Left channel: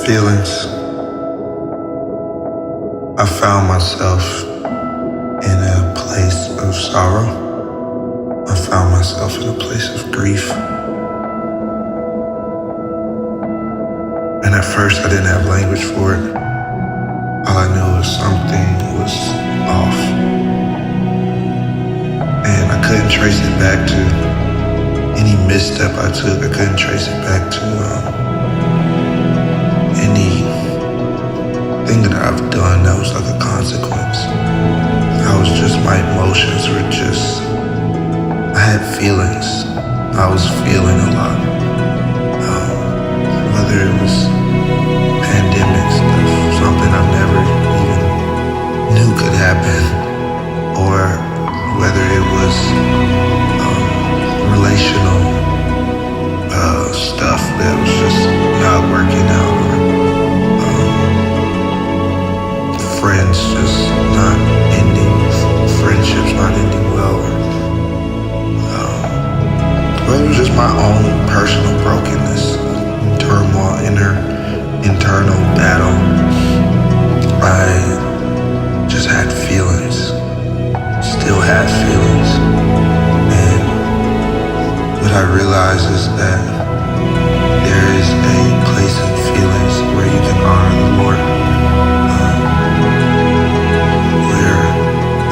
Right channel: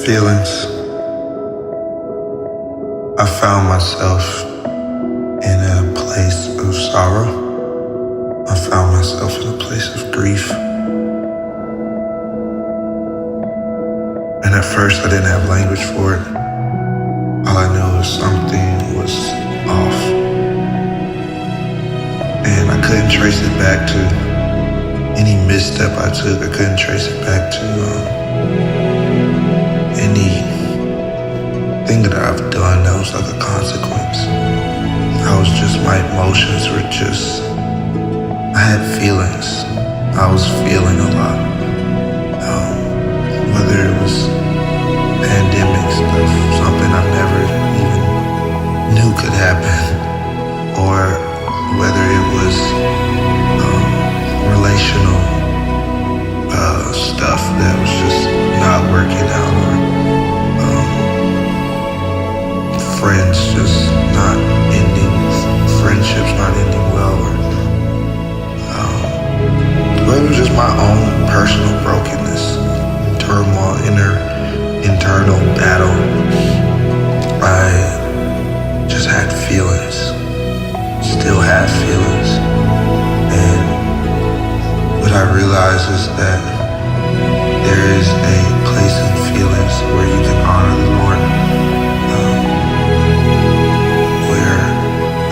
Feelings. I found myself in a place of sorrow. I found myself in a place of grief. And at first I didn't have language for it. All I knew was something was off. And I couldn't trace it back to any misstep I took. I couldn't trace it back to anything that I've done that was like a consequence. My emotions were just, I had feelings. I was feeling a lot. Whether it was pandemic stuff, something I've never even knew could happen, or whether it was relational stuff that was just not working out, or friends just not ending, friendships not ending well, or but it was just my own personal brokenness, turmoil, internal battle. I just had feelings, still have feelings, and what I realized is that there is a place in feelings where you can honor the Lord, where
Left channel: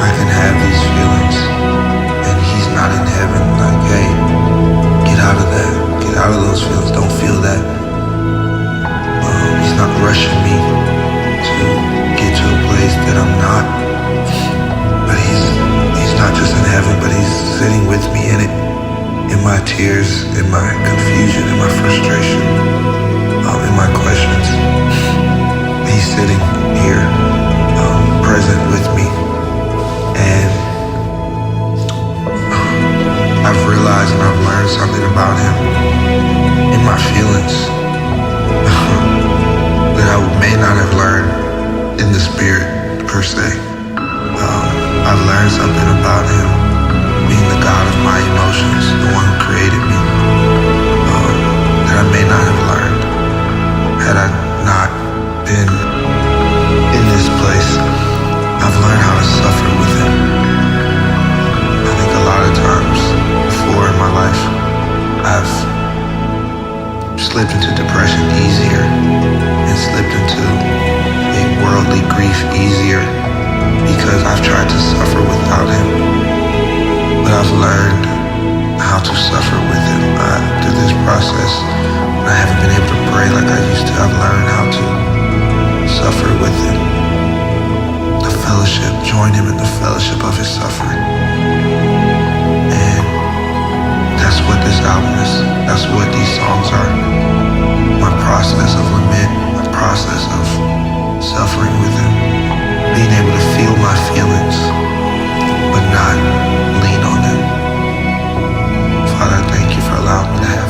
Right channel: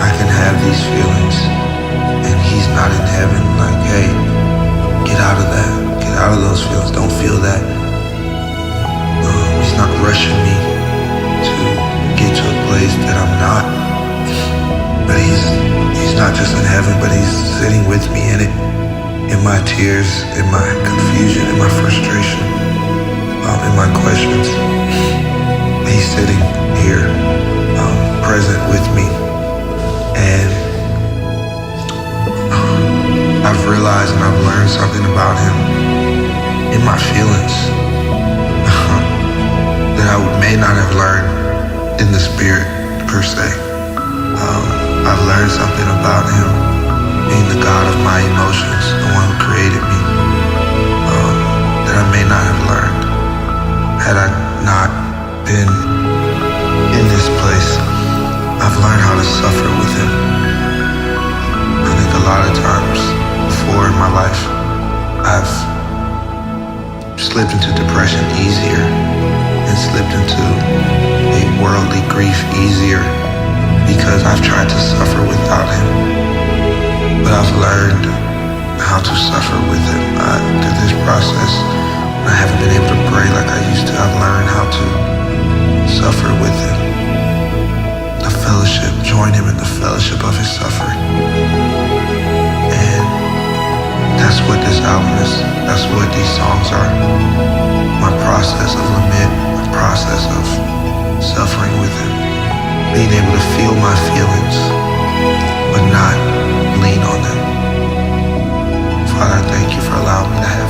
I can have these feelings and He's not in heaven like, hey, get out of that, get out of those feelings, don't feel that. He's not rushing me to get to a place that I'm not, but He's not just in heaven, but He's sitting with me in it, in my tears, in my confusion, in my frustration, in my questions. He's sitting here, present with me. And I've realized and I've learned something about Him in my feelings that I may not have learned in the spirit per se. I've learned something about Him being the God of my emotions, the one who created me, that I may not have learned had I not been in this place. I've learned how to suffer with Him. I think a lot of times before in my life, I've slipped into depression easier and slipped into a worldly grief easier because I've tried to suffer without Him. But I've learned how to suffer with Him. Through this process, when I haven't been able to pray like I used to, I've learned how to suffer with Him. The fellowship, join Him in the fellowship of His suffering. And that's what this album is. That's what these songs are. My process of lament, my process of suffering with Him. Being able to feel my feelings, but not lean on them. Father, I thank You for allowing me to have